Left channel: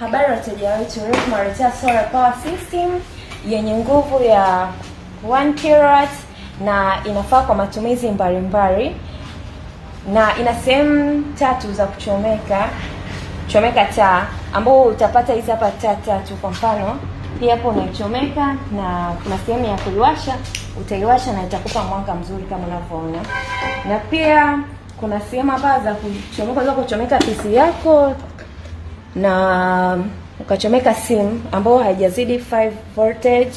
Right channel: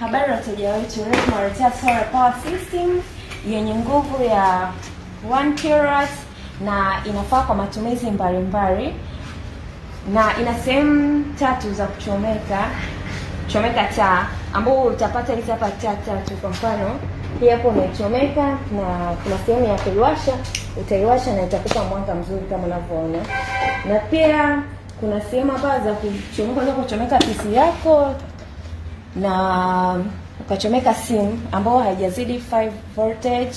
Habari wateja wetu, leo tunaletea solar power system yenye nguvu ya 1 kW na inafaa kwa matumizi mbalimbali, na ina sehemu tatu za kuchomeka taa, ambao utapata hizi hapa taa tatu. Kwa mfano hii hapo umechomeka, na kuna sehemu ya kuiwasha, utaiwasha na itakupa mwanga mzuri kama unavyoona. Na pia kuna sehemu hapa za kuchomeka PC yako na ukachomeka simu ambao haijazidi 5 voltage,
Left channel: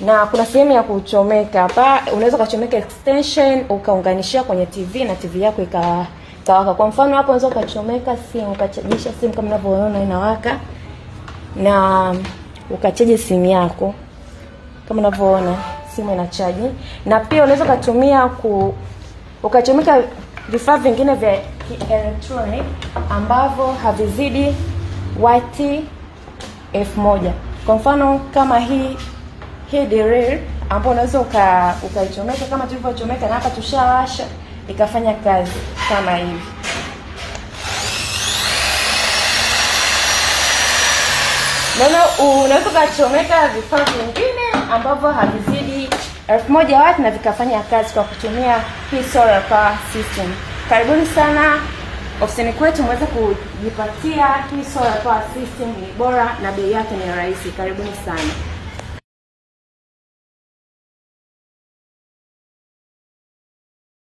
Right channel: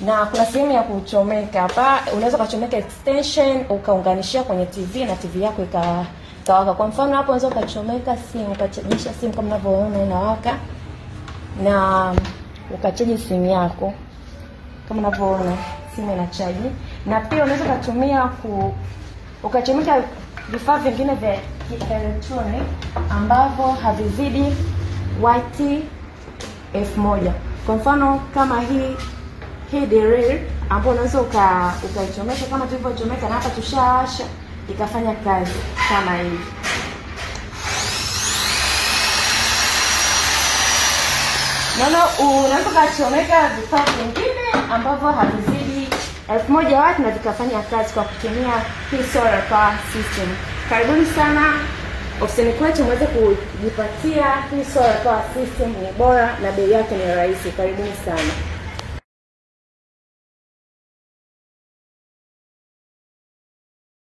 na kuna sehemu ya kuchomeka hapa, unaweza kuchomeka extension ukaunganishia kwenye TV na TV yako ikawaka. Kwa mfano hapo unaweza kuchomeka simu, ukachajisha simu kama unavyoona inawaka, na ukachaji simu yako kama unavyoona simu inachaji. Na pia unaweza kutumia ukachomeka vifaa vingine vya electronic ambavyo havizidi wati 1000. Kwa mfano kama hii drill ambayo unaweza ukaichomeka kama tulivyochomeka, na hapa tushawasha ikafanya kazi kama hivi. Unaweza kuchomeka vifaa vingine ambavyo havizidi 1000 watt na vikafanya kazi kwa kutumia hii solar power system. Karibuni sana ofisini kwetu muweze kujipatia hii solar power system, ni bora na bei yake ni rahisi. Karibuni sana.